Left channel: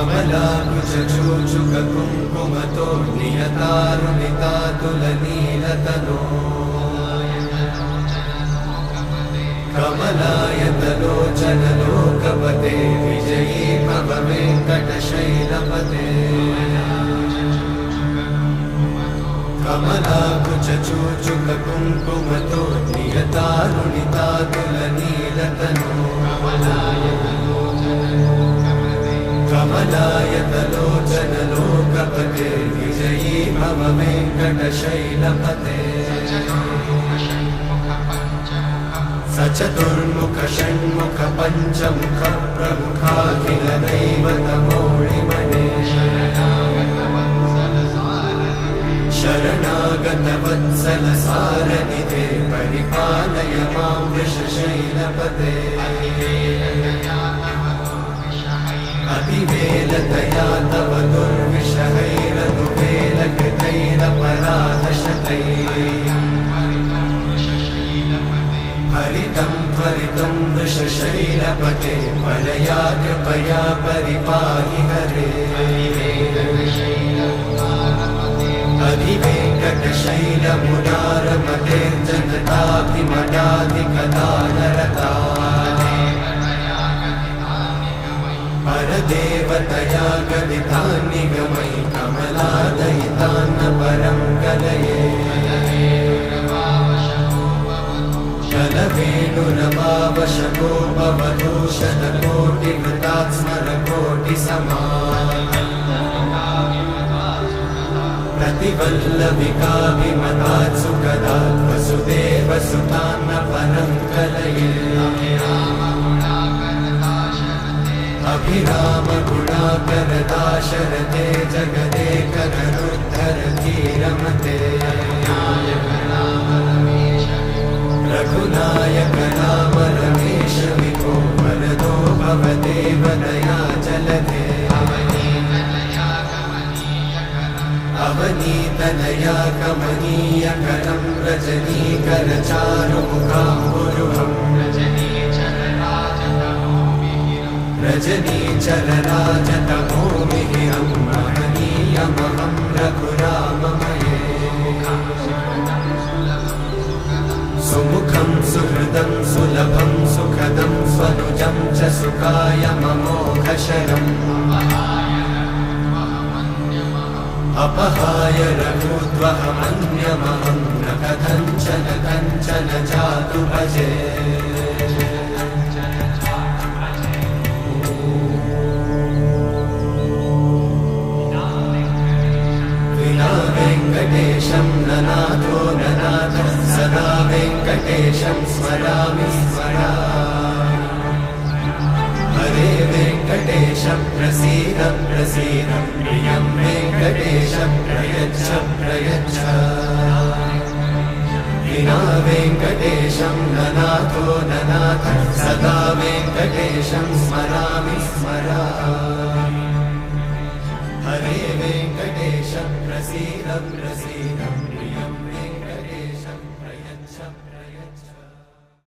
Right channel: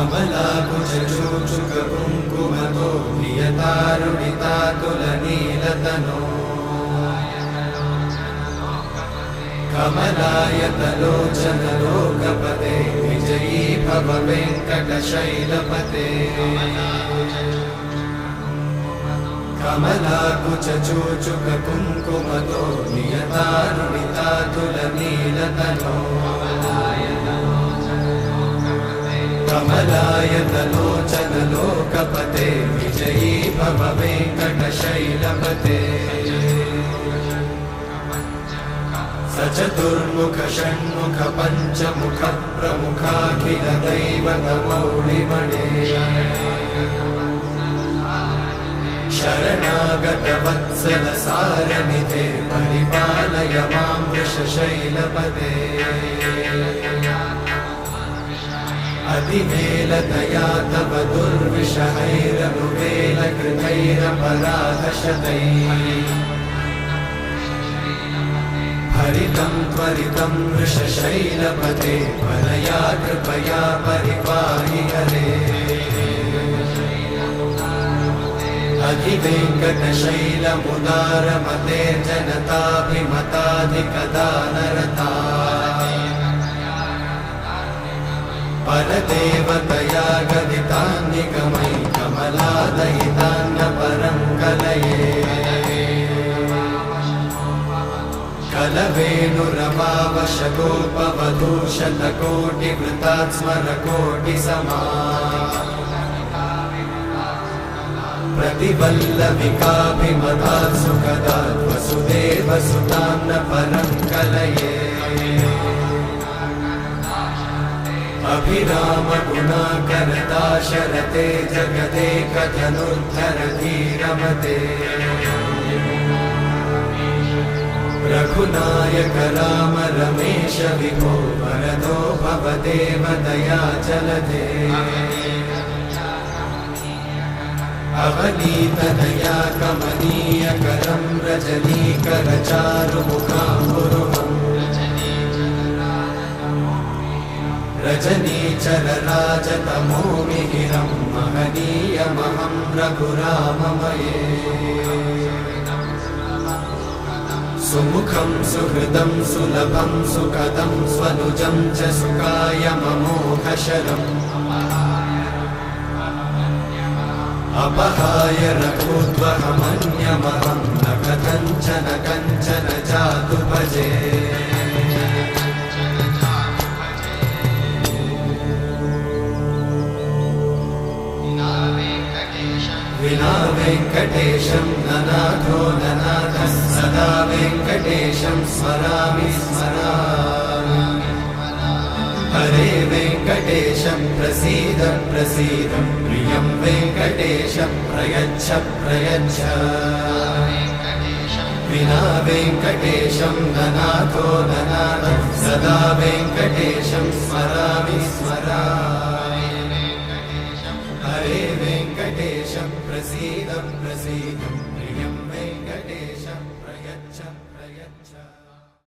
कमलाकुचूचुककुङ्कुमतो नियतारुणितातुलनीलतनो कमलायतलोचनलोकपते विजयी भव वेङ्कटशैलपते कमलाकुचूचुककुङ्कुमतो नियतारुणितातुलनीलतनो कमलायतलोचनलोकपते विजयी भव वेङ्कटशैलपते सचतुर्मुख षण्मुख पञ्चमुख प्रमुखाखिल दैवतमौलिमणे शरणागत वत्सल सारनिधे परिपालय मां वृषशैलपते अतिवेलतया तव दुर्विषहैरनुवेलकृतैरपराधशतैः हरितं त्वरितं वृषशैलपते परया कृपया परिपाहि हरे अधिवेङ्कटशैलमुदारमते जनताभिमताधिकदानरता परदेवतया गदितान्निगमै कमलादयितान्न परं कलये कलवेणुरवावशतोपवधूशतकोटिवृतात् स्मरकोटिसमा प्रतिवल्लविकाभिमतात् सुखदात् वसुदेवसुतान्न परं कलये अभिरामगुणाकरदाशरथे जगदेकजनुद्धरधीरमते रघुनायक राम रमेश विभो वरदो भवदेव दयाचलधे अवनीतनया कमनीयकरं रजनीकरचारुमुखाम्बुरुहम् रजनीचरराजतमोमिहिरं महनीयमहं रघुराममये सुमुखं सुहृदं सुलभं सुखदं स्वनुजं च सुखायममोघशरम् अपहाय रघुत्वहमन्यमहं न कथञ्चन कञ्चन जातु भजे विना वेङ्कटेशं ननाथो ननाथः सदा वेङ्कटेशं स्मरामि स्मरामि हरे वेङ्कटेशं प्रसीद प्रसीद प्रियं वेङ्कटेशं प्रयच्छ प्रयच्छ विना वेङ्कटेशं ननाथो ननाथः सदा वेङ्कटेशं